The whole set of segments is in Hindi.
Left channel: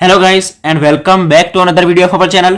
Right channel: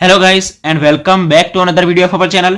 Hello guys and welcome back to another video of our channel.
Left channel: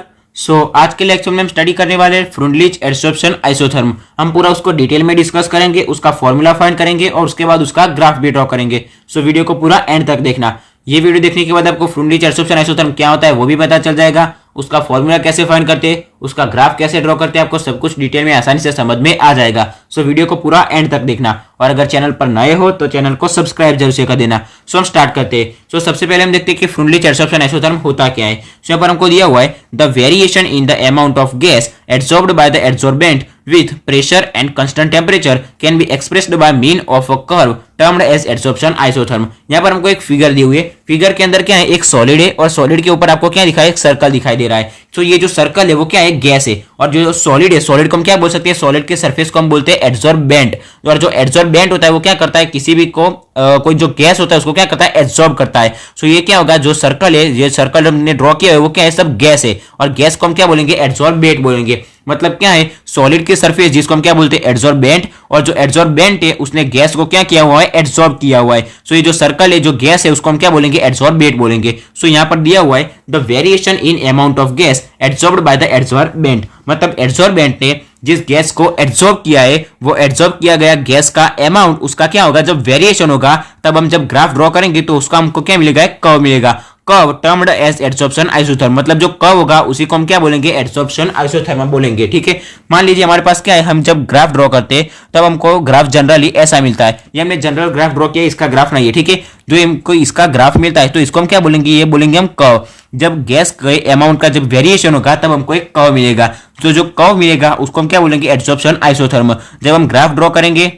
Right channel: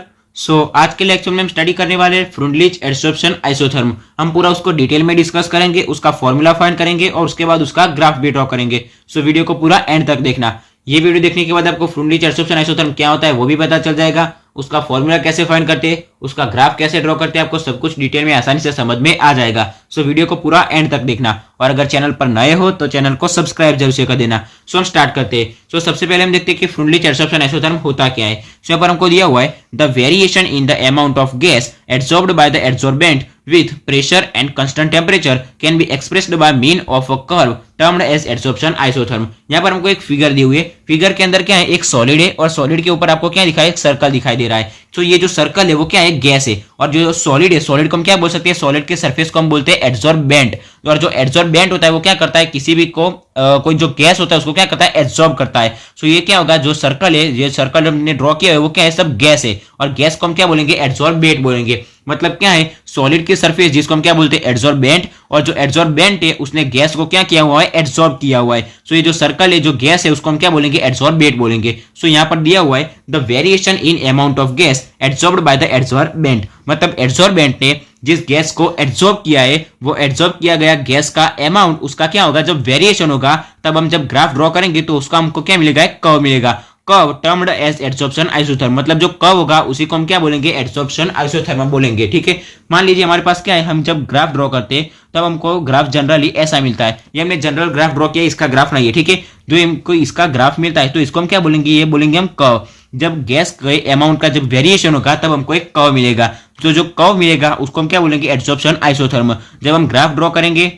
आज के लेक्चर में हम स्टडी करने वाले हैं फ्रुंडलिच एडसॉर्प्शन आइसोथर्म। हम पूरा उसको डिटेल में डिस्कस करेंगे, उसका फॉर्मूला फाइंड करेंगे और उसके बाद उसका ग्राफ भी ड्रॉ करेंगे। वीडियो को पूरा एंड तक देखना। ये वीडियो देखने के बाद आपको फ्रुंडलिच एडसॉर्प्शन आइसोथर्म क्या होता है वो भी पता चल जाएगा, उसका फॉर्मूला कैसे फाइंड करते हैं, उसका ग्राफ कैसे ड्रॉ करते हैं, आपको सब कुछ डिटेल में आसानी से समझ में आ जाएगा। वीडियो को पूरा एंड तक देखना और अगर चैनल पर नए हो तो चैनल को सब्सक्राइब जरूर से कर देना। हम स्टार्ट करते हैं। सबसे पहले हम देखते हैं कि फ्रुंडलिच एडसॉर्प्शन आइसोथर्म होता क्या है। यहाँ पर हमको दिया हुआ है the variation in the amount of gas absorbed by the adsorbent with pressure and constant temperature can be expressed by mean of a curve termed as adsorption isotherm। यहाँ पर हमको एक फिगर दी हुई है। फिगर के अंदर क्या है, एक सॉलिड है और सॉलिड के ऊपर आपको क्या दिखा है, एक सर्कल दिखाई दे रहा है। ये जो सर्कल है वो क्या है, गैस है। और जो सॉलिड है, सॉलिड को हम क्या बोल सकते हैं, सॉलिड के सरफेस को हम बोलते हैं एडसॉर्बेंट। और जो एडसॉर्बेंट होता है वो क्या करता है, किसी भी को कोई जो गैस होता है उसको क्या करता है, एब्सॉर्ब करता है। ये क्या होगा, जो सर्कल है, ये सर्कल हमने ड्रॉ किया है वो क्या है, सब गैस है। और गैस को हम क्या बोलेंगे, एडसॉर्बेंट बोलेंगे। मतलब क्या है, सॉलिड की सरफेस जिसको हम क्या बोलते हैं, एडसॉर्बेंट, और जो एडसॉर्बेंट है उसने गैस को क्या किया हुआ है, एडसॉर्ब किया हुआ है। ये जो सर्कल है, जो गैस है, उसको हम क्या बोलेंगे, एडसॉर्बेंट बोलेंगे। यहाँ पर दिया हुआ है the variation in amount of gas adsorbed by the adsorbent. मतलब एडसॉर्बेंट ने जिस गैस को एडसॉर्ब किया है, वो एडसॉर्ब किया गया गैस का अमाउंट, उसका क्या होगा, जब वेरिएशन होगा तब हम जब ग्राफ ड्रॉ करेंगे तो उसका हमको क्या मिलेगा, एक कर्व मिलेगा। Curve termed as adsorption isotherm. मतलब जो कर्व होगा उसी को हम क्या बोलेंगे, एडसॉर्प्शन आइसोथर्म बोलेंगे। ठीक है, मान लीजिए हमारे पास क्या है, हम जब ग्राफ ड्रॉ करते हैं तब हमको ग्राफ जनरली ऐसा मिलता है। ये हमने जनरल ग्राफ ड्रॉ किया, इसका ग्राफ नहीं है। ठीक है, जो हमको इसका ग्राफ मिलता है तो इसको हम क्या बोलेंगे, ये बोलेंगे हम कर्व। जब गैस के अमाउंट का जब वेरिएशन होगा तब हमको एक कर्व मिलेगा। तो जो कर्व मिलेगा उसको हम क्या बोलेंगे, एडसॉर्प्शन आइसोथर्म। जब हम ग्राफ ड्रॉ करेंगे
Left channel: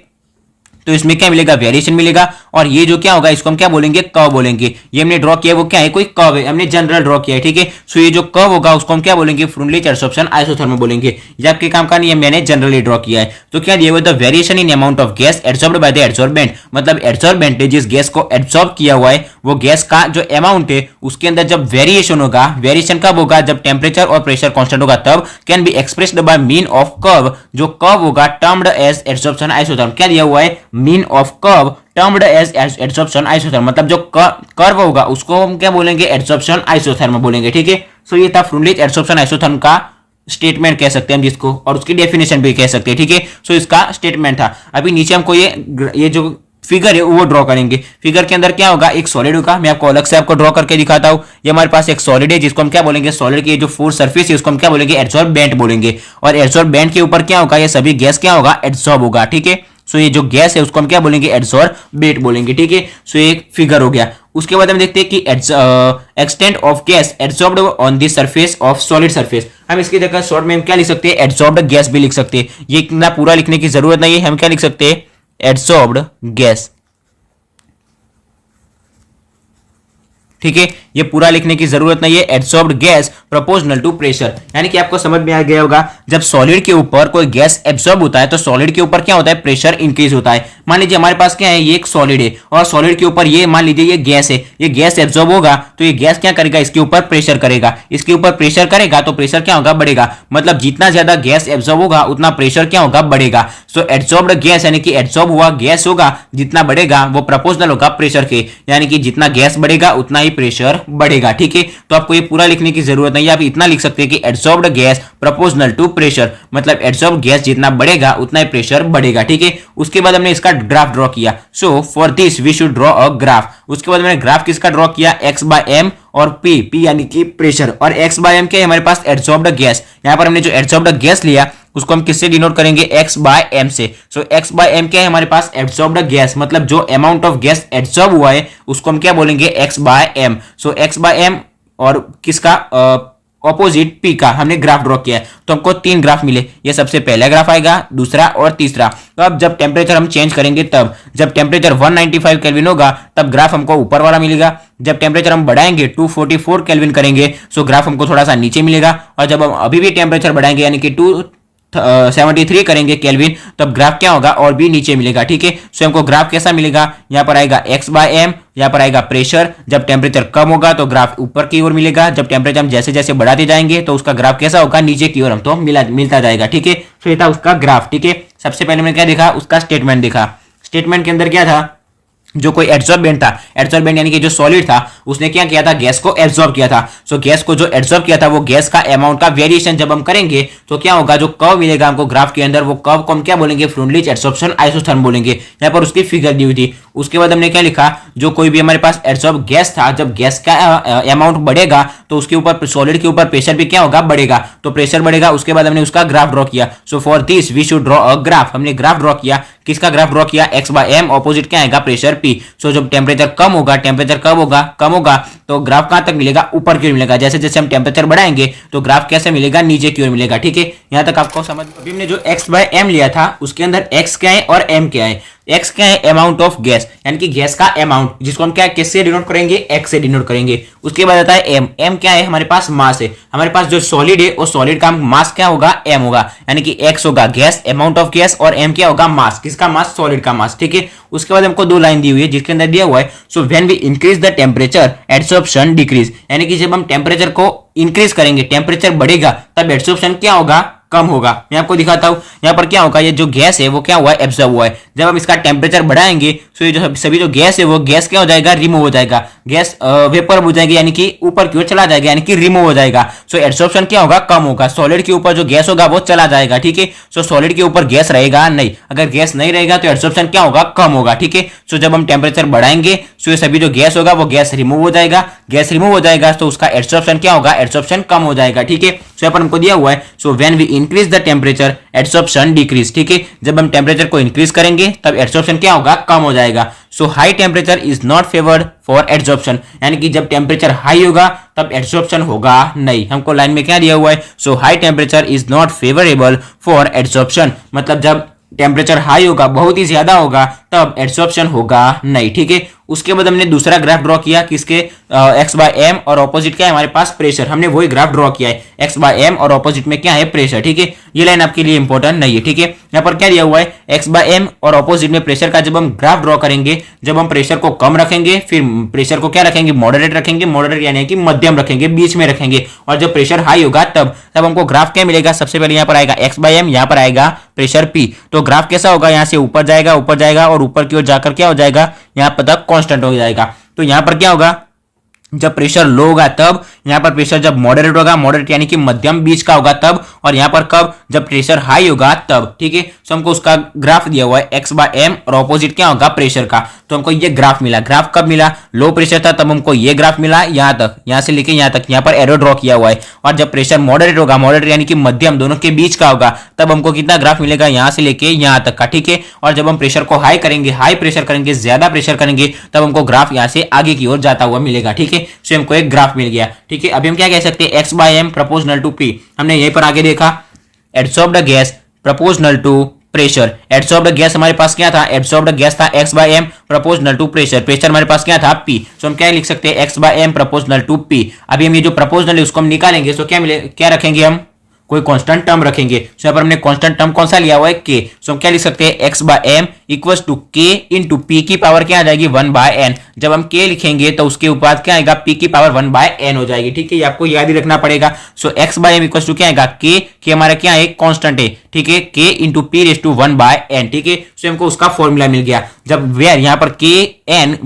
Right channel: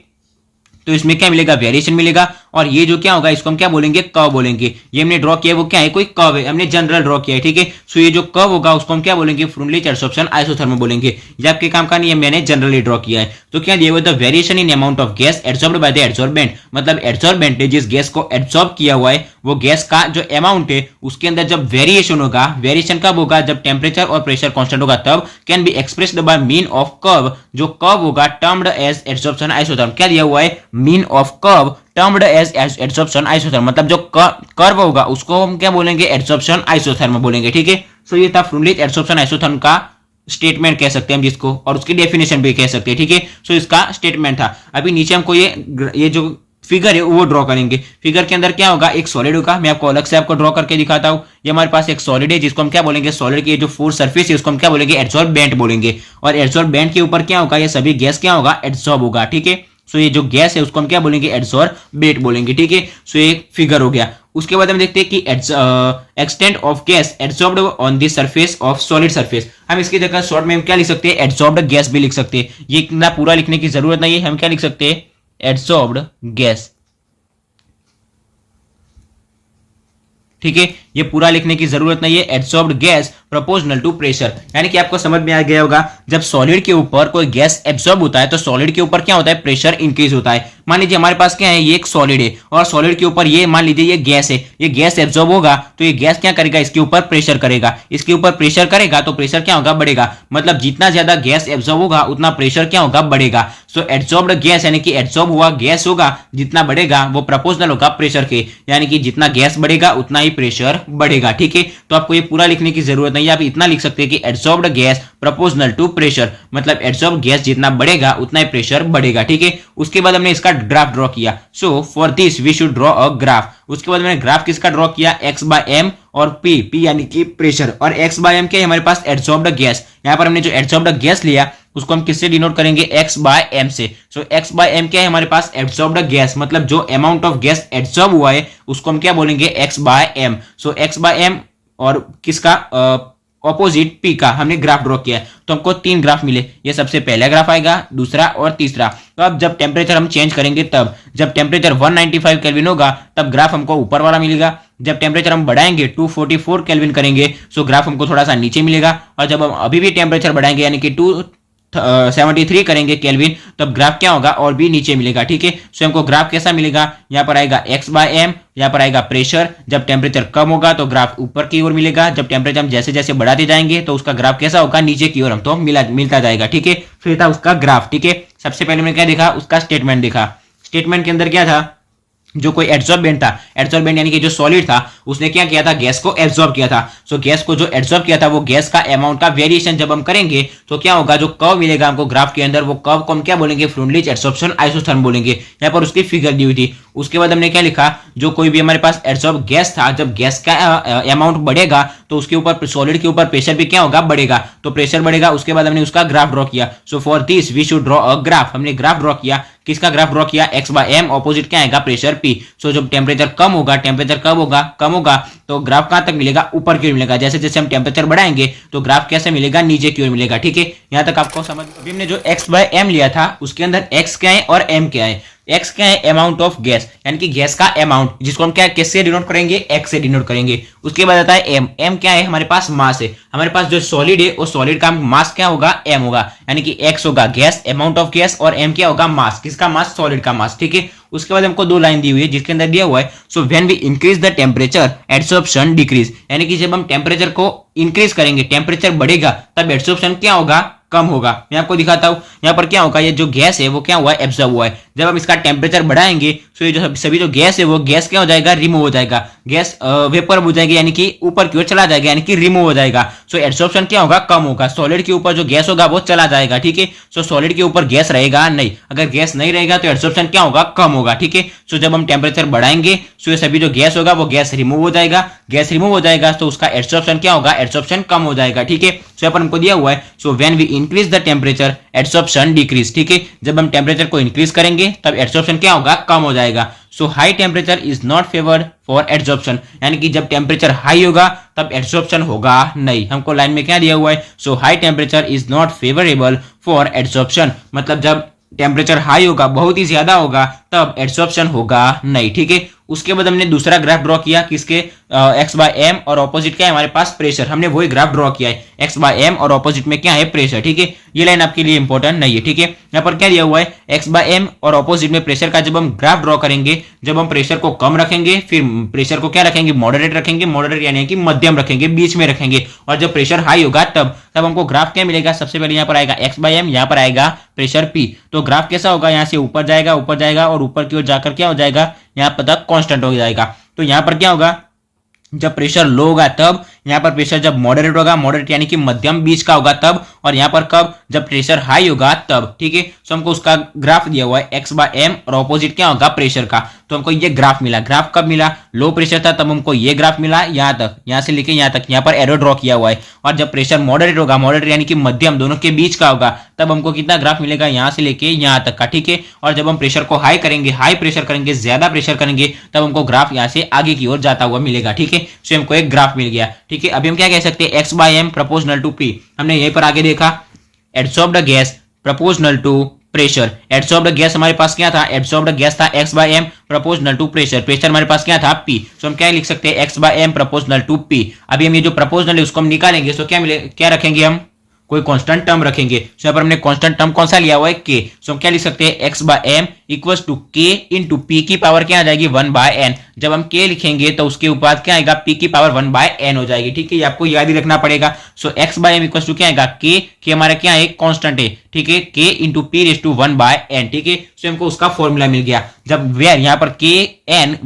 तो इसमें क्या मिलेगा, वेरिएशन मिलेगा। और ये जो क्या होगा, इसको हम क्या बोलेंगे, कर्व बोलेंगे। ये हमने ड्रॉ किया वो क्या है, कोई कर्व है, हमने जनरल ड्रॉ किया है। ठीक है, ये जो कर्व होगा उसको हम क्या बोलेंगे, फ्रुंडलिच एडसॉर्प्शन आइसोथर्म बोलेंगे। ये आपके काम का नहीं है, मैंने जनरली ड्रॉ किया है। तो क्या दिया हुआ, the variation in amount of gas absorbed by the adsorbent. मतलब एडसॉर्बेंट ने जिस गैस को एब्सॉर्ब किया हुआ है वो गैस का जो अमाउंट है उसके अंदर जब वेरिएशन होगा, वेरिएशन कब होगा, जब टेम्परेचर और प्रेशर कांस्टेंट होगा तब, can be expressed by mean of curve. जो कर्व होगा टर्म्ड एज एडसॉर्प्शन आइसोथर्म। क्या दिया हुआ है, mean of curve termed as adsorption isotherm. मतलब जो कर्व होगा उसको हम क्या बोलेंगे, एडसॉर्प्शन आइसोथर्म बोलेंगे। ठीक है, ये था फ्रुंडलिच एडसॉर्प्शन आइसोथर्म का स्टेटमेंट कह सकते हैं हम जिसको, और उसकी डेफिनेशन भी कह सकते हैं। ठीक है, इसका स्टेटमेंट था। अभी नीचे हमको ये जो फिगर है वो ड्रॉ करेंगे। फिगर के अंदर क्या होगा, एक सॉलिड होगा। मैं आपको अलग से आपको ड्रॉ करके दिखाता हूं। ये हमारे पास एक सॉलिड है जिसको हम क्या बोलेंगे, सॉलिड की जो फोर सरफेस है उसको हम क्या बोलेंगे, एडसॉर्बेंट बोलेंगे। और एडसॉर्बेंट के ऊपर क्या होगा, ये सभी गैस क्या होगा, एडसॉर्ब होगा। ठीक है, ये जो गैस है उसको हम क्या बोलेंगे, एडसॉर्बेंट बोलेंगे। ठीक है, ये एक फिगर हो गया। उसके बाद हम देखते हैं कि extent of gas adsorbed on the surface of solid surface. हम इसकी जगह शॉर्ट में हम क्या लिख सकते हैं, एडसॉर्ब्ड गैस भी लिख सकते हैं। ये इतना पूरा लिखने की जरूरत नहीं है, हम क्या लिख सकते हैं, एडसॉर्ब्ड गैस। ठीक है, ये पूरा लिखने की जरूरत नहीं है, एडसॉर्ब्ड गैस प्रोपोर्शनल टू प्रेशर। यानी कि आपको समझ में आ गया होगा, जब सॉलिड के ऊपर कोई गैस एब्सॉर्ब होता है तो सॉलिड के ऊपर क्या होता है, प्रेशर इंक्रीज होता है। मान लीजिए हमारे पास क्या है, ये एक सॉलिड है और सॉलिड के ऊपर ये मान लीजिए ये गैस है। ये गैस एब्सॉर्ब होगा तो ये गैस क्या करेगा, इसके ऊपर प्रेशर करेगा। इसके ऊपर प्रेशर करेगा तो प्रेशर क्या होगा, बढ़ेगा। मतलब जितना ज्यादा गैस एब्सॉर्ब होगा उतना प्रेशर क्या होगा, बढ़ेगा। एडसॉर्ब्ड गैस यानी कि एब्सॉर्ब हुआ गैस होगा, जितना बढ़ेगा वो प्रोपोर्शनल होगा प्रेशर के। यानी कि जितना गैस बढ़ेगा उतना ही प्रेशर बढ़ेगा। ठीक है, तो आपको ये पूरा लिखने की जरूरत नहीं है, आप इतना लिख सकते हैं कि एडसॉर्ब्ड गैस प्रोपोर्शनल टू प्रेशर। मतलब एडसॉर्ब गैस जितना बढ़ेगा उतना ही प्रेशर बढ़ेगा। ठीक है, उसके बाद हमने इसका ग्राफ ड्रॉ किया। For this we should draw a graph. उसके बाद मैंने ग्राफ किसका ड्रॉ किया, एक्स बाय एम और पी यानी कि प्रेशर, और एक्स बाय एम क्या है, हमारे पास एडसॉर्ब्ड गैस। यहां पर हमने जो एडसॉर्ब्ड गैस लिया उसको हम किससे डिनोट करेंगे, एक्स बाय एम से। एक्स बाय एम क्या है, हमारे पास एब्सॉर्ब्ड गैस। मतलब जो अमाउंट ऑफ गैस एब्सॉर्ब हुआ है उसको हम क्या बोलेंगे, x by m. X by m और किसका, ऑपोजिट पी का हमने ग्राफ ड्रॉ किया है। तो हमको तीन ग्राफ मिले। ये सबसे पहला ग्राफ आएगा, दूसरा और तीसरा। तो अब जब टेम्परेचर हम चेंज करेंगे तब, जब टेम्परेचर 195 केल्विन होगा तब ग्राफ हमको ऊपर वाला मिलेगा। जब टेम्परेचर हम बढ़ाएंगे 244 केल्विन करेंगे ग्राफ हमको थोड़ा सा नीचे मिलेगा। और जब हम अभी भी टेम्परेचर बढ़ाएंगे यानी कि 73 करेंगे केल्विन, तब ग्राफ क्या होगा, और भी नीचे मिलेगा। ठीक है, हमको ग्राफ कैसा मिलेगा, यहाँ पर आएगा एक्स बाय एम, यहाँ पर आएगा प्रेशर। जब टेम्परेचर कम होगा तो ग्राफ ऊपर की ओर मिलेगा। जब टेम्परेचर हम जैसे जैसे बढ़ाते जाएंगे तो उसका ग्राफ कैसा होगा, नीचे की ओर हमको मिलता जाएगा। ठीक है, ये था उसका ग्राफ। ठीक है, सबसे पहले मैंने क्या देखा, उसका स्टेटमेंट देखा। स्टेटमेंट के अंदर क्या था, जो कोई एड्सॉर्बेंट था, एड्सॉर्बेंट यानी कि जो सॉलिड था, उसने क्या किया था, गैस को एब्जॉर्ब किया था। सो गैस को जो एब्जॉर्ब किया था वो गैस का अमाउंट का वेरिएशन जब हम करेंगे तो क्या होगा, जो कर्व मिलेगा हमको ग्राफ के अंदर, वो कर्व को हम क्या बोलेंगे, फ्रुंडलिच एडसॉर्प्शन आइसोथर्म बोलेंगे। यहाँ पर उसकी फिगर दी हुई थी। उसके बाद हमने क्या लिखा, जो कोई भी हमारे पास एब्जॉर्ब गैस था, जब गैस का अमाउंट बढ़ेगा तो उसके ऊपर, सॉलिड के ऊपर प्रेशर भी क्या होगा, बढ़ेगा। तो प्रेशर बढ़ेगा, उसके बाद हमने उसका ग्राफ ड्रॉ किया। So for this we should draw a graph. हमने ग्राफ ड्रॉ किया, किसका ग्राफ ड्रॉ किया, x/m, ऑपोजिट क्या आएगा, प्रेशर P। सो जब टेम्परेचर कम होगा, टेम्परेचर कब होगा, कम होगा, तो ग्राफ कहां तक मिलेगा, ऊपर की ओर मिलेगा। जैसे जैसे हम टेम्परेचर बढ़ाएंगे तो ग्राफ कैसे मिलेगा, नीचे की ओर मिलेगा। ठीक है, यहां तक आपको समझ। अभी हमने जो x/m लिया था उसके अंदर x क्या है और m क्या है। x क्या है, अमाउंट ऑफ गैस, यानी कि गैस का अमाउंट, जिसको हम क्या किससे डिनोट करेंगे, x से डिनोट करेंगे। उसके बाद आता है m। m क्या है, हमारे पास मास है। हमारे पास जो सॉलिड है वो सॉलिड का मास क्या होगा, m होगा, यानी कि x होगा गैस, अमाउंट ऑफ गैस, और m क्या होगा, मास, किसका मास, सॉलिड का मास। ठीक है, उसके बाद हमको दो लाइन दी हुई है जिसके अंदर दिया हुआ है, so when we increase the temperature adsorption decrease, यानी कि जब हम टेम्परेचर को इंक्रीज करेंगे, टेम्परेचर बढ़ेगा, तब एडसॉर्प्शन क्या होगा, कम होगा। मैं आपको दिखाता हूं, यहाँ पर क्या होगा, ये जो गैस है वो क्या हुआ है, एब्जॉर्ब हुआ है। जब हम इसका टेम्परेचर बढ़ाएंगे तो ये जो सभी जो गैस है वो गैस क्या हो जाएगा, रिमूव हो जाएगा, गैस वेपर हो जाएगी, यानी कि ऊपर की ओर चला जाएगा, यानी कि रिमूव हो जाएगा। सो एब्जॉर्प्शन क्या होगा, कम होगा। सॉलिड के ऊपर जो गैस होगा वो चला जाएगा। ठीक है, सो सॉलिड के ऊपर गैस रहेगा नहीं, अगर गैस नहीं रहेगा तो एब्जॉर्प्शन क्या होगा, कम होगा। ठीक है, सो जब हम टेम्परेचर बढ़ाएंगे सो ये सभी जो गैस होगा वो गैस रिमूव हो जाएगा, गैस रिमूव हो जाएगा तो उसका एब्जॉर्प्शन क्या होगा, एब्जॉर्प्शन कम हो जाएगा। ठीक है, सो यहाँ पर हमको दिया हुआ है, so when we increase the temperature absorption decrease. ठीक है, जब हम टेम्परेचर को इंक्रीज करेंगे तब एब्जॉर्प्शन क्या होगा, कम हो जाएगा। So high temperature is not favoured for absorption, यानी कि जब टेम्परेचर हाई होगा तब एब्जॉर्प्शन होगा नहीं। हमको लाइन में क्या दिया हुआ है, so high temperature is not favourable for absorption, मतलब जब टेम्परेचर हाई होगा, बहुत ही ज्यादा होगा, तब एब्जॉर्प्शन होगा नहीं। ठीक है, उसके बाद हमने दूसरा ग्राफ ड्रॉ किया, किसके, x/m, और ऑपोजिट क्या है हमारे पास, प्रेशर। हमने वही ग्राफ ड्रॉ किया है, x/m और ऑपोजिट में क्या है, प्रेशर। ठीक है, ये लाइन आपके लिए इंपॉर्टेंट नहीं है। ठीक है, यहाँ पर क्या दिया हुआ है, x/m और ऑपोजिट में प्रेशर का जब हम ग्राफ ड्रॉ करेंगे, जब हम प्रेशर को कम रखेंगे, फिर प्रेशर को क्या रखेंगे, मॉडरेट रखेंगे, मॉडरेट यानी कि मध्यम रखेंगे, बीच में रखेंगे, और जब प्रेशर हाई होगा तब हमको ग्राफ क्या मिलेगा, सबसे पहले यहाँ पर आएगा x/m, यहाँ पर आएगा प्रेशर P। तो ग्राफ कैसा होगा, यहाँ से ऊपर जाएगा, ऊपर जाएगा, और ऊपर की ओर जाकर क्या हो जाएगा, यहाँ पर तक कांस्टेंट हो जाएगा। तो यहाँ पर क्या होगा, जब प्रेशर लो होगा तब, यहाँ पर प्रेशर जब मॉडरेट होगा, मॉडरेट यानी कि मध्यम बीच का होगा तब, और यहाँ पर कब, जब प्रेशर हाई होगा तब। ठीक है, तो हमको उसका ग्राफ दिया हुआ है x/m और ऑपोजिट क्या होगा, प्रेशर का। तो हमको ये ग्राफ मिला। ग्राफ कब मिला, लो प्रेशर था तब हमको ये ग्राफ मिला, यहाँ तक, यहाँ से लेके यहाँ तक, यहाँ पर एरो ड्रॉ किया हुआ है। और जब प्रेशर मॉडरेट होगा, मॉडरेट यानी कि मध्यम, दोनों के बीच का होगा, तब हमको कितना ग्राफ मिलेगा, यहाँ से लेके यहाँ तक का। ठीक है, और जब हम प्रेशर को हाई करेंगे, हाई प्रेशर करेंगे, ज्यादा प्रेशर करेंगे, तब हमको ग्राफ यहाँ से आगे की ओर जाता हुआ मिलेगा। ठीक है, सो हमको एक ग्राफ मिल गया। ठीक है, अभी हम क्या कह सकते हैं, x/m प्रोपोर्शनल टू P। हमने यहीं पर आगे देखा, adsorbed gas proportional to pressure. Adsorbed gas हमारे पास क्या था, एडसॉर्ब्ड गैस था x/m proportional to pressure. Pressure हमारे पास क्या था, P। सो हम क्या लिख सकते हैं, x/m प्रोपोर्शनल टू P। अभी हम ये जो प्रोपोर्शनल है उसको हम निकालेंगे, सो क्या मिले, क्या रखेंगे, हम कोई कांस्टेंट टर्म रखेंगे। सो यहाँ पर हमने कांस्टेंट टर्म कौन सा लिया हुआ है, k। सो हम क्या लिख सकते हैं, x/m equals to k into P की पावर क्या आ जाएगी, 1/n। जब हम k लिखेंगे तो उसके ऊपर क्या आएगा, P की पावर 1/n हो जाएगी। ठीक है, ये आपको याद ही रखना पड़ेगा। सो x/m इक्वल्स टू क्या आएगा, k हमारा क्या है, कांस्टेंट है। ठीक है, k into P raise to 1/n। ठीक है, सो हमको उसका फॉर्मूला मिल गया। जब वेयर यहाँ पर kn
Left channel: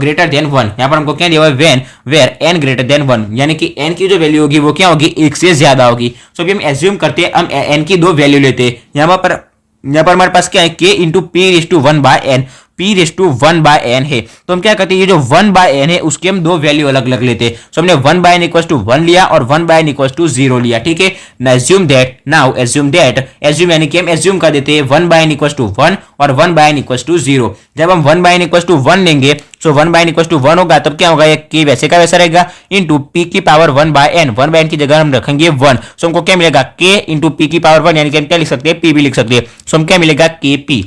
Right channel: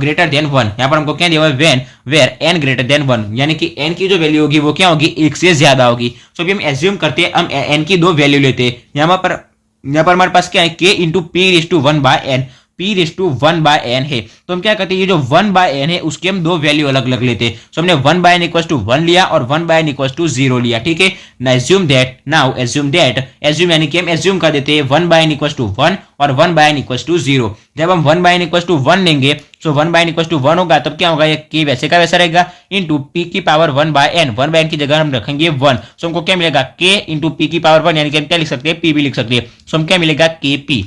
ग्रेटर देन 1, यहाँ पर हमको क्या दिया हुआ है, when where n greater than 1, यानी कि n की जो वैल्यू होगी वो क्या होगी, 1 से ज्यादा होगी। सो अभी हम एज्यूम करते हैं, हम n की दो वैल्यू लेते हैं। यहाँ पर हमारे पास क्या है, k into P raise to 1/n, P raise to 1/n है। तो हम क्या करते हैं, ये जो 1/n है उसके हम दो वैल्यू अलग अलग लेते हैं। सो हमने 1/n इक्वल्स टू 1 लिया और 1/n इक्वल्स टू 0 लिया। ठीक है, नाउ एज्यूम दैट, एज्यूम यानी कि हम एज्यूम कर देते हैं 1/n इक्वल्स टू 1 और 1/n इक्वल्स टू 0। जब हम 1/n इक्वल्स टू 1 लेंगे, सो 1/n इक्वल्स टू 1 होगा, तब क्या होगा, ये k वैसे का वैसा रहेगा, इंटू P की पावर 1/n। 1/n की जगह हम रखेंगे 1। सो हमको क्या मिलेगा, k इंटू P की पावर 1, यानी कि हम क्या लिख सकते हैं, P भी लिख सकते हैं। सो हम क्या मिलेगा, kp।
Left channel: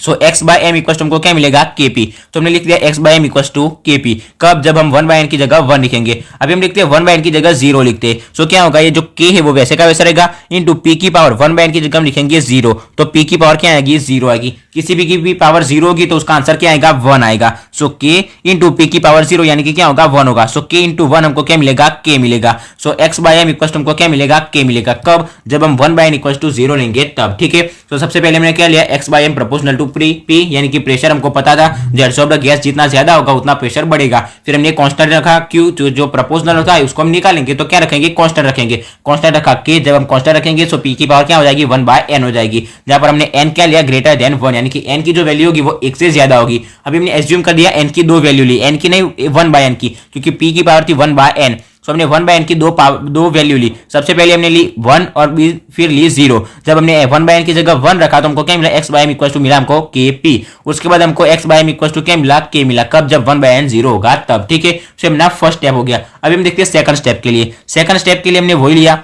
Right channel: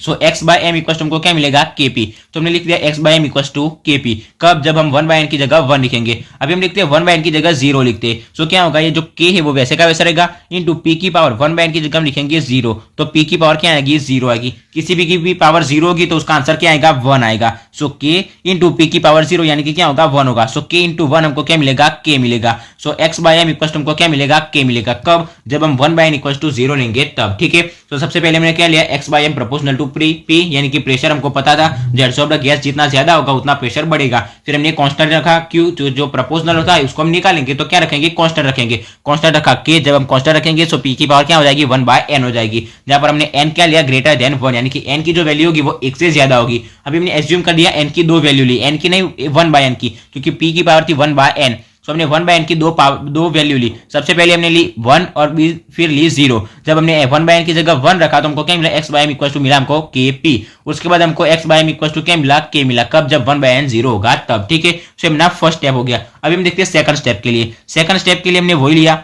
So x/m equal to हमको क्या मिलेगा, kp। तो हमने लिख दिया x/m इक्वल टू kp। कब, जब हम 1/n की जगह 1 लिखेंगे। अभी हम लिखते हैं 1/n की जगह 0 लिखते हैं। सो क्या होगा, ये जो k है वो वैसे का वैसा रहेगा, इंटू P की पावर 1/n की जगह हम लिखेंगे 0। तो P की पावर क्या आएगी, 0 आएगी। किसी भी की पावर 0 होगी तो उसका आंसर क्या आएगा, 1 आएगा। सो k इंटू P की पावर 0 यानी कि क्या होगा, 1 होगा। सो k इंटू 1 हमको क्या मिलेगा, k मिलेगा। सो x/m इक्वल टू हमको क्या मिलेगा, k मिलेगा। कब, जब हम 1/n इक्वल टू 0 लेंगे तब। ठीक है, तो सबसे पहले हमने क्या लिया, x/m प्रोपोर्शनल टू पी यानी कि प्रेशर हमको पता था जो एडसॉर्ब्ड गैस जितना ज्यादा होगा उतना प्रेशर बढ़ेगा। फिर हमने कांस्टेंट रखा क्यू, जो प्रोपोर्शनल होता है उसको हम निकालेंगे तो क्या रखेंगे, कांस्टेंट रखेंगे। कांस्टेंट रखा के, जब हम कांस्टेंट रखेंगे तो पी की पावर क्या हो जाएगी 1/n हो जाएगी। जहां पर हमने n क्या लिया, ग्रेटर देन 1 यानी कि n की जो वैल्यू होगी वो 1 से ज्यादा होगी। अभी हमने एज्यूम कर दिया n की 2 वैल्यू ली, n की नहीं 1/n की, क्योंकि p की पावर थी 1/n। तो हमने 1/n की दो वैल्यू ली। सबसे पहले हमने ली 1 और फिर ली 0। जब हमने 1/n की जगह 1 रखा तो हमको क्या मिला, x/m इक्वल टू मिला हमको kp। उसके बाद हमको x/m इक्वल टू क्या मिला, k मिला। कब, जब 1/n 0 होगा तब, ठीक है। से हमारा फर्स्ट स्टेप हो गया। अभी हम देखते हैं सेकंड स्टेप के लिए। सेकंड स्टेप के लिए हमने वही लिया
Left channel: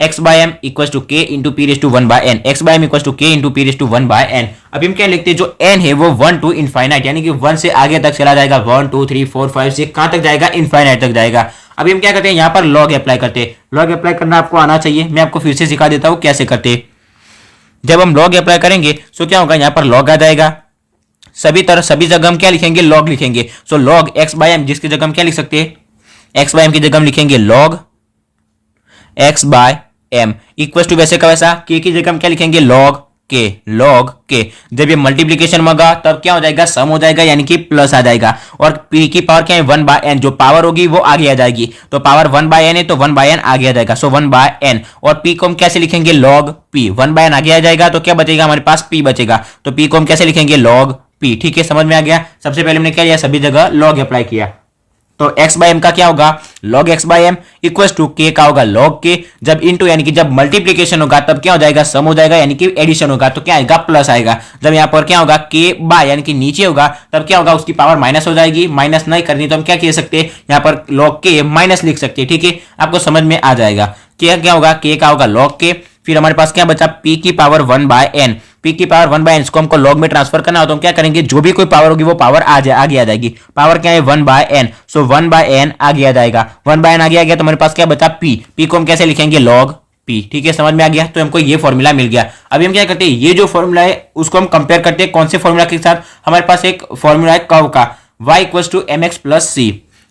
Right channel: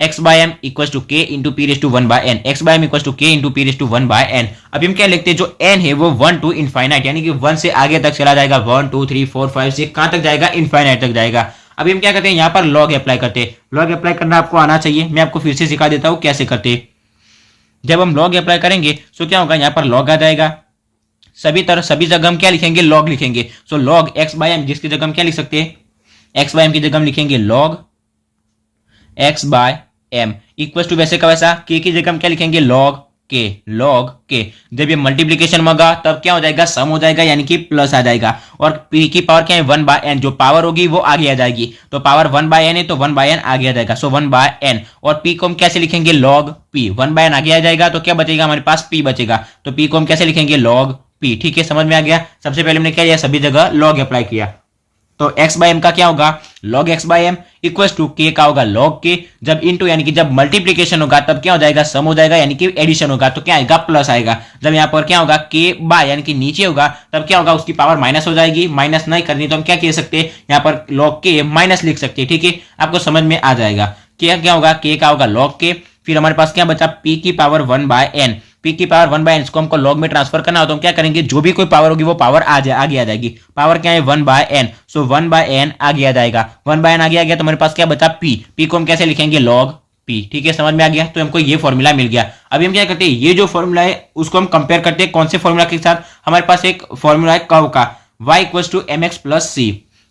x/m equal to k into P raise to 1/n, x/m equal to k into P raise to 1/n। अभी हम क्या लिखते हैं, जो n है वो 1 टू इनफाइनाइट यानी कि 1 से आगे तक चला जाएगा, 1 2 3 4 5 से कहां तक जाएगा, इनफाइनाइट तक जाएगा। अभी हम क्या करते हैं, यहाँ पर लॉग अप्लाई करते हैं। लॉग अप्लाई करना आपको आना चाहिए, मैं आपको फिर से सिखा देता हूँ कैसे करते हैं। जब हम लॉग अप्लाई करेंगे तो क्या होगा, यहाँ पर लॉग आ जाएगा। सभी जगह हम क्या लिखेंगे, लॉग लिखेंगे। सो लॉग x/m, जिसकी जगह हम क्या लिख सकते हैं, x/m की जगह हम लिखेंगे लॉग x/m इक्वल टू वैसे का वैसा k की जगह हम क्या लिखेंगे, लॉग k। जब ये मल्टीप्लीकेशन होगा तब क्या हो जाएगा, सम हो जाएगा यानी कि प्लस आ जाएगा। और p की पावर क्या है 1/n, जो पावर होगी वो आगे आ जाएगी। तो पावर 1/n है तो 1/n आगे आ जाएगा। सो 1/n और p को हम कैसे लिखेंगे, लॉग p। 1/n आगे आ जाएगा तो क्या बचेगा, हमारे पास p बचेगा। तो p को हम कैसे लिखेंगे, लॉग p। ठीक है, समझ में आ गया। सबसे पहले हमने क्या किया, सभी जगह लॉग अप्लाई किया। तो x/m का क्या होगा, log x/m equal to k का होगा log k। जब इनटू यानी कि जब मल्टीप्लीकेशन होगा तब क्या हो जाएगा, सम हो जाएगा यानी कि एडिशन होगा तो क्या आएगा, प्लस आएगा। जब यहाँ पर क्या होगा k बाय यानी कि नीचे होगा तब क्या होगा, उसकी पावर माइनस हो जाएगी। माइनस नहीं करनी तो हम क्या कह सकते हैं, यहाँ पर log k माइनस लिख सकते हैं। ठीक है, आपको समझ में आ जाएगा। क्या होगा, k का होगा log k। फिर हमारे पास क्या बचा, p की पावर 1/n। p की पावर 1/n इसको हमको log में ट्रांसफर करना हो तो हम क्या करेंगे, जो भी कोई पावर होगी वो पावर आगे आ जाएगी। पावर क्या है 1/n। सो 1/n आगे आ जाएगा। 1/n आगे आ गया तो हमारे पास क्या बचा, p को हम कैसे लिखेंगे, log p। ठीक है, समझ में आ गया। तो हमको ये फॉर्मूला मिल गया। अभी हम क्या करते हैं, ये जो फॉर्मूला है उसको हम कंपेयर करते हैं कौन से फॉर्मूला के साथ। हमारे पास एक फॉर्मूला है कर्व का, y equal to mx plus c,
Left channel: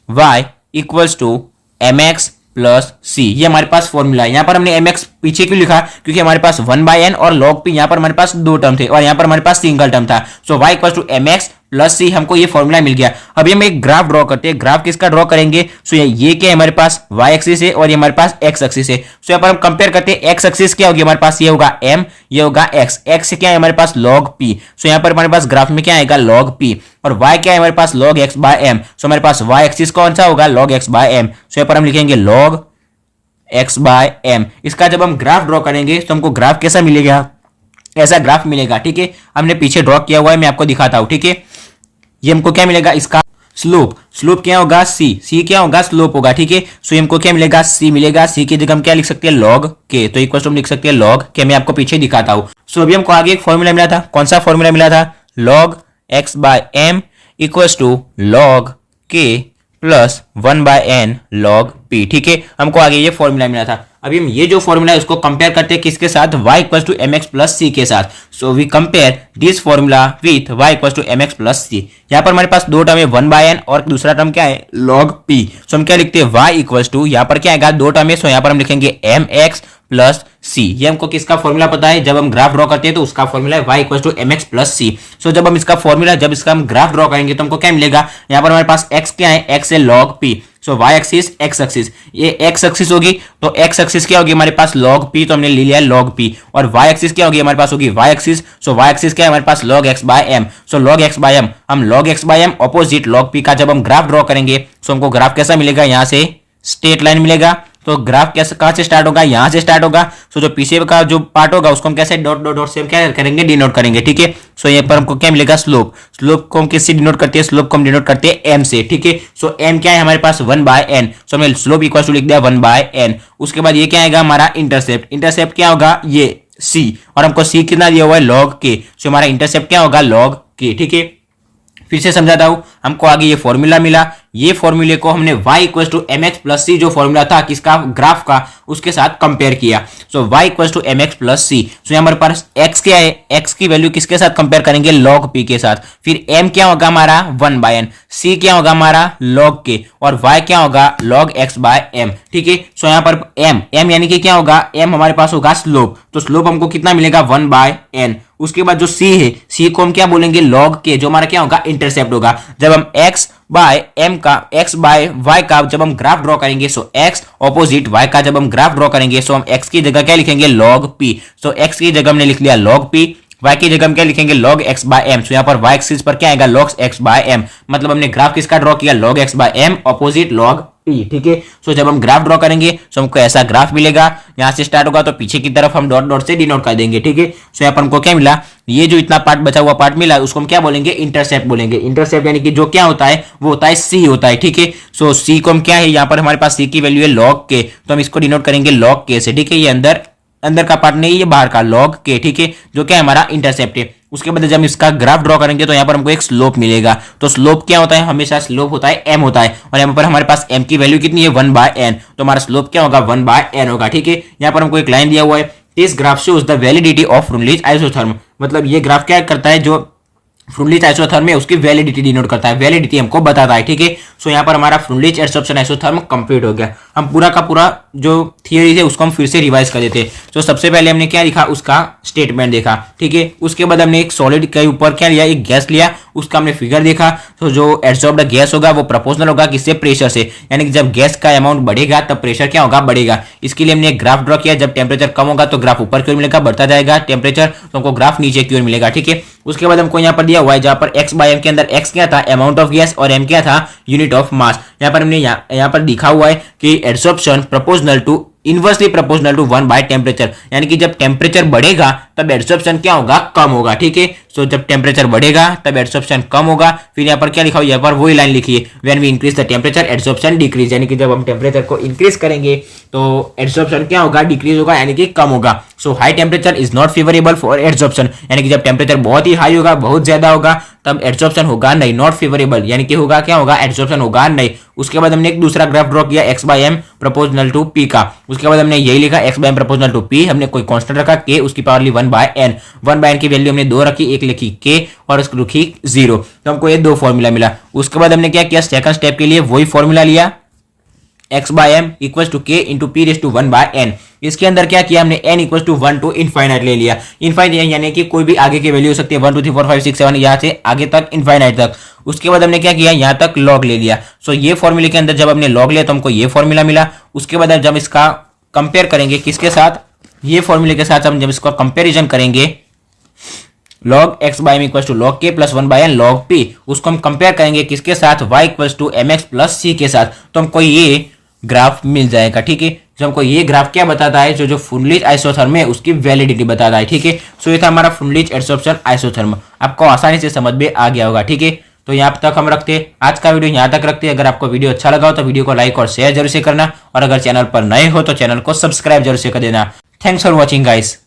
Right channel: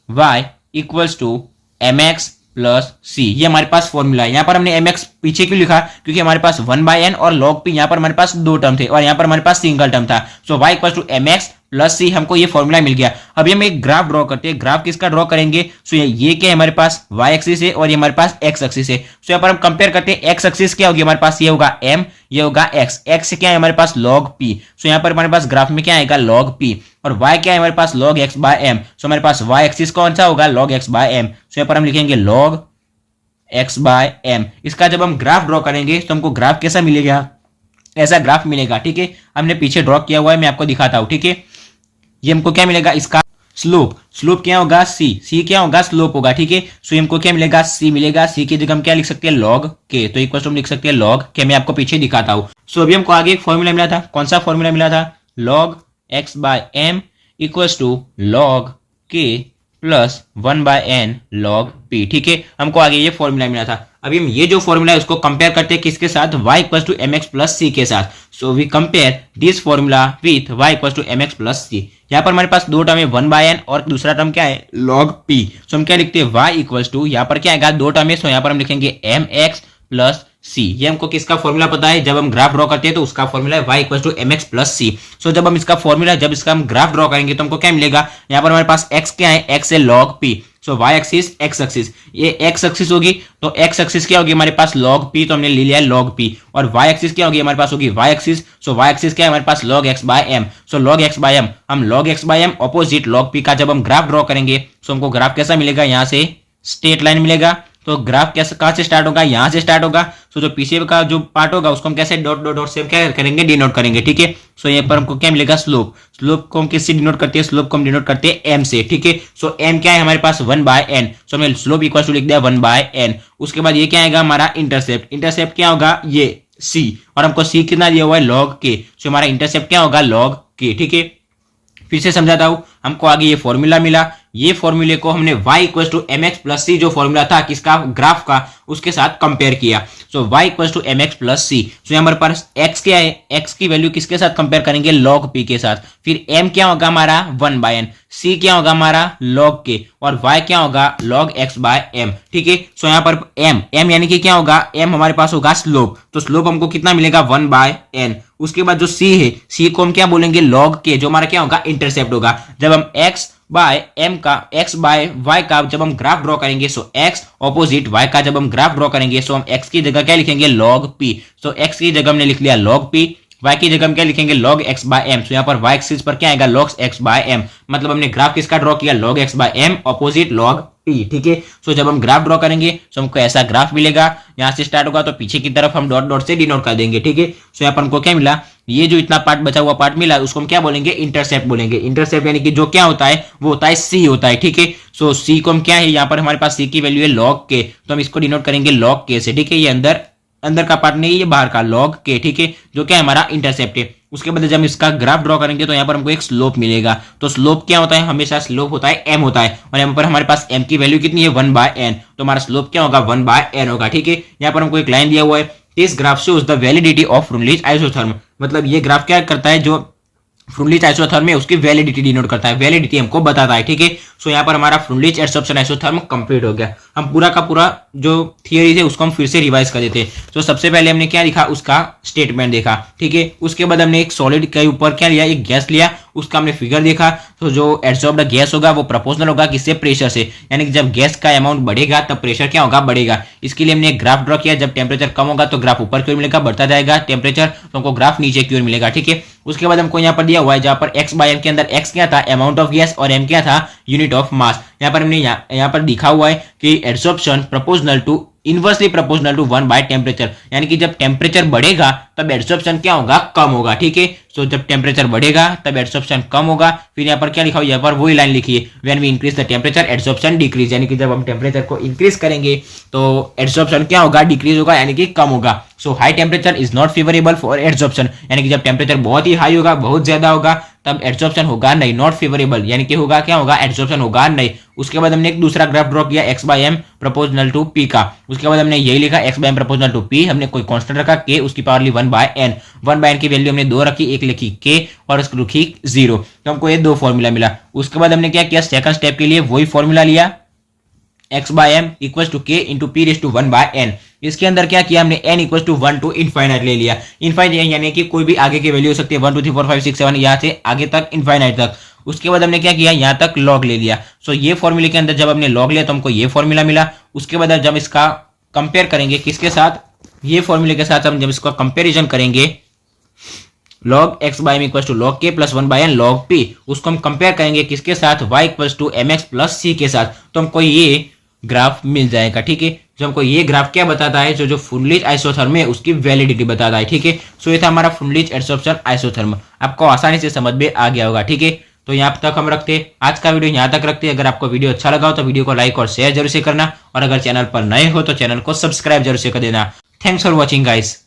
y equal to mx plus c. ये हमारे पास फॉर्मूला है। यहाँ पर हमने mx पीछे क्यों लिखा, क्योंकि हमारे पास 1/n और log p यहाँ पर हमारे पास 2 टर्म थे और यहाँ पर हमारे पास सिंगल टर्म था। So y equal to mx plus c, हमको ये फॉर्मूला मिल गया। अभी हम एक ग्राफ ड्रॉ करते हैं। ग्राफ किसका ड्रॉ करेंगे, सो ये क्या है हमारे पास y एक्सिस है और ये हमारे पास x एक्सिस है। सो यहाँ पर हम कंपेयर करते हैं, x एक्सिस क्या होगी हमारे पास, ये होगा m, ये होगा x। x क्या है हमारे पास, log p। सो यहाँ पर हमारे पास ग्राफ में क्या आएगा, log p। और y क्या है हमारे पास, log x/m। सो हमारे पास y एक्सिस कौन सा होगा, log x/m। सो यहाँ पर हम लिखेंगे log x/m। इसका जब हम ग्राफ ड्रॉ करेंगे तो हमको ग्राफ कैसा मिलेगा, ऐसा ग्राफ मिलेगा। ठीक है, हमने पीछे ड्रॉ किया हुआ है, मैं आपको दिखाता हूं। ठीक है, ये हमको क्या मिलेगा, इसका स्लोप क्या होगा, c क्या होगा, स्लोप होगा। ठीक है, सो हमको क्या मिलेगा, c मिलेगा। c की जगह हम क्या लिख सकते हैं, log k। तो इक्वल टू हम लिख सकते हैं log k। मैं आपको पीछे दिखाता हूं। सो अभी हमको आगे एक फॉर्मूला मिला था, कौन सा फॉर्मूला मिला था, log x/m equal to log k plus 1/n log p। ठीक है, हमको आगे ये फॉर्मूला मिला था। अभी हम ये जो फॉर्मूला है उसको कंपेयर करते हैं किसके साथ, y equal to mx plus c के साथ। So we compare this formula with y equal to mx plus c। यहाँ पर हमारे पास 2 टर्म है, 1/n और दूसरा टर्म क्या है, log p। सो हम क्या लिखते हैं, y इक्वल टू, यहाँ पर क्या आएगा, 2 टर्म है, सो यहाँ पर हम लिखेंगे mx प्लस c। ये हमको किसका फॉर्मूला पता है, जब हम ग्राफ ड्रॉ करते हैं तो उसका फॉर्मूला है y equal to mx plus c। So जब हम इसका फॉर्मूला, जब इसका हम ग्राफ ड्रॉ करेंगे तो हमको क्या मिलेगा, यहाँ पर हमारे पास x क्या है, x है log p। सो y एक्सिस x एक्सिस, ये x एक्सिस होगी तो x एक्सिस क्या होगी हमारे पास, log p। तो हमने ले लिया है log p। और y एक्सिस क्या होगी हमारे पास, होगी y एक्सिस। सो y एक्सिस क्या है हमारे पास, log x/m। सो log x/m, हम log x/m opposite log p का जब हम ग्राफ ड्रॉ करेंगे सो हमको ग्राफ कैसा मिलेगा, यहाँ से स्ट्रेट लाइन मिलेगा। तो ग्राफ कैसे, कहां से स्टार्ट होगा, यहां से स्टार्ट होगा। सो जो पीछे का जो पार्ट होगा उसको हम कैसे डॉट डॉट डॉट से क्या करेंगे, डिनोट करेंगे। ठीक है, सो यहाँ पर हमको क्या मिलेगा, स्लोप को हम किससे डिनोट करते हैं, स्लोप को हम डिनोट करते हैं m से। ठीक है, सो m क्या है हमारे पास 1/n। सो हमने स्लोप इक्वल टू लिख दिया 1/n। उसके बाद ये क्या आएगा हमारा इंटरसेप्ट क्या होगा, ये c। और हमको c कितना दिया हुआ है, log k। सो हमारा इंटरसेप्ट क्या होगा, log k। ठीक है, फिर से समझाता हूं, हमको आगे ये फॉर्मूला मिला, ये फॉर्मूले को हमने y equal to m x plus c जो फॉर्मूला था किसका ग्राफ का उसके साथ कंपेयर किया। So y equal to m x plus c. So हमारे पास x क्या है, x की वैल्यू किसके साथ कंपेयर करेंगे, log p के साथ। फिर m क्या होगा हमारा 1/n, c क्या होगा हमारा log k और y क्या होगा log x/m। ठीक है। सो यहाँ पर m यानी कि क्या होगा, m हमारे पास होगा स्लोप, तो स्लोप हमको कितना मिलेगा 1/n। उसके बाद जो c है, c को हम क्या बोलेंगे log k, जो हमारा क्या होगा इंटरसेप्ट होगा। जब हम x बाय y का जब हम ग्राफ ड्रॉ करेंगे, सो x ऑपोजिट y का जब हम ग्राफ ड्रॉ करेंगे, सो हम x की जगह क्या लिखेंगे log p। सो x की जगह हमने लिख लिया log p, y की जगह हम क्या लिखेंगे log x/m। सो यहाँ पर y एक्सिस पर क्या आएगा log x/m, मतलब हमने ग्राफ किसका ड्रॉ किया log x/m opposite log p। ठीक है। सो जब हम ग्राफ ड्रॉ करेंगे तो हमको ऐसा ग्राफ मिलेगा, यहां से स्टार्ट होगा तो पीछे की तरफ हम डॉट डॉट से डिनोट कर देंगे। ठीक है। सो यहाँ पर हमको क्या मिला, ये जो इतना पार्ट बचा हुआ पार्ट मिला उसको हम क्या बोलेंगे इंटरसेप्ट बोलेंगे। इंटरसेप्ट यानी कि जो क्या होता है वो होता है c होता है। ठीक है। सो c को हम क्या है, यहाँ पर हमारे पास c की वैल्यू है log k, तो हम इसको डिनोट करेंगे log k से। ठीक है। ये अंदर का पार्ट नहीं, ये बाहर का log k। ठीक है। जो क्या है हमारा इंटरसेप्ट है। उसके बाद जब हम इसका ग्राफ ड्रॉ करेंगे तो यहाँ पर हमको एक स्लोप मिलेगा। तो स्लोप क्या होता है, हमेशा स्लोप होता है m होता है, और यहाँ पर हमारे पास m की वैल्यू कितनी है 1/n, तो हमारा स्लोप क्या होगा 1/n होगा। ठीक है। यहाँ पर हमको एक लाइन दिया हुआ है, इस ग्राफ से उस द वैलिडिटी ऑफ फ्रुनलिच आइसोथर्म, मतलब ये ग्राफ क्या करता है, जो फ्रुनलिच आइसोथर्म है उसकी वैलिडिटी डिनोट करता है, वैलिडिटी हमको बताता है। ठीक है। सो यहाँ पर हमारा फ्रुनलिच एडसॉर्प्शन आइसोथर्म कंप्लीट हो गया। हम पूरा का पूरा जो थियरी है उसको हम फिर से रिवाइज कर देते। तो सबसे पहले हमने क्या लिखा, उसका स्टेटमेंट देखा। ठीक है। उसके बाद हमने एक सॉलिड के ऊपर क्या लिया, एक गैस लिया, उसका हमने फिगर देखा। तो जो एडसॉर्ब्ड गैस होगा वो प्रोपोर्शनल होगा किससे, प्रेशर से, यानी कि जब गैस का अमाउंट बढ़ेगा तब प्रेशर क्या होगा, बढ़ेगा। इसके लिए हमने एक ग्राफ ड्रॉ किया, जब टेम्परेचर कम होगा तो ग्राफ ऊपर की ओर मिलेगा, बढ़ता जाएगा टेम्परेचर तो हमको ग्राफ नीचे की ओर मिलेगा। ठीक है। उसके बाद हमको यहाँ पर दिया हुआ है, जहां पर x/m के अंदर x क्या था अमाउंट ऑफ गैस और m क्या था यूनिट ऑफ मास। यहाँ पर हमने यहाँ पर लिखा हुआ है कि adsorption proportional to inversely proportional to 1 by temperature, यानी कि जब टेम्परेचर बढ़ेगा तब एडसॉर्प्शन क्या होगा, कम होगा। ठीक है। सो जब टेम्परेचर बढ़ेगा तब एडसॉर्प्शन कम होगा। फिर यहाँ पर क्या लिखा हुआ, यहाँ पर वही लाइन लिखी है, when we increase the temperature adsorption decrease, यानी कि जब हम टेम्परेचर को इंक्रीज करेंगे तो एडसॉर्प्शन क्या होगा, डिक्रीज होगा, यानी कि कम होगा। So high temperature is not favourable for adsorption, यानी कि जब टेम्परेचर बहुत ही हाई होगा, बहुत ज्यादा होगा, तब एडसॉर्प्शन होगा नहीं, नॉट फेवरेबल, यानी कि होगा क्या होगा, एडसॉर्प्शन होगा नहीं। उसके बाद हमने एक दूसरा ग्राफ ड्रॉ किया x/m प्रोपोर्शनल टू p का। उसके बाद हमने यही लिखा x/m प्रोपोर्शनल टू p, हमने कोई कांस्टेंट रखा k, उसकी पावर ली 1/n, 1/n की वैल्यू हमने 2 रखी, एक लिखी k और उसको लिखी 0, तो हमको ये दो फॉर्मूला मिला। उसके बाद हमने क्या किया, सेकंड स्टेप के लिए वही फॉर्मूला लिया, x/m equal to k into p raise to 1/n। इसके अंदर क्या किया हमने, n equal to 1 to infinite ले लिया। इनफाइनाइट यानी कि कोई भी आगे की वैल्यू हो सकती है, 1 2 3 4 5 6 7 यहाँ से आगे तक इनफाइनाइट तक। उसके बाद हमने क्या किया, यहाँ तक लॉग ले लिया। सो ये फॉर्मूले के अंदर जब हमने लॉग लिया तो हमको ये फॉर्मूला मिला। उसके बाद जब इसका कंपेयर करेंगे किसके साथ, ये फॉर्मूले के साथ हम जब इसका कंपेरिजन करेंगे log x/m equal to log k plus 1/n log p, उसको हम कंपेयर करेंगे किसके साथ, y equal to mx plus c के साथ, तो हमको ये ग्राफ मिल जाएगा। ठीक है। जो हमको ये ग्राफ क्या बताता है, जो फ्रुनलिच आइसोथर्म है उसकी वैलिडिटी बताता है। ठीक है। सो ये था हमारा फ्रुनलिच एडसॉर्प्शन आइसोथर्म, आपको आसानी से समझ में आ गया होगा। ठीक है। तो यहाँ तक हम रखते हैं, आज का वीडियो यहाँ तक रखते हैं। अगर आपको वीडियो अच्छा लगा हो तो वीडियो को लाइक और शेयर जरूर से करना, और अगर चैनल पर नए हो तो चैनल को सब्सक्राइब जरूर से कर देना। Thanks for watching guys.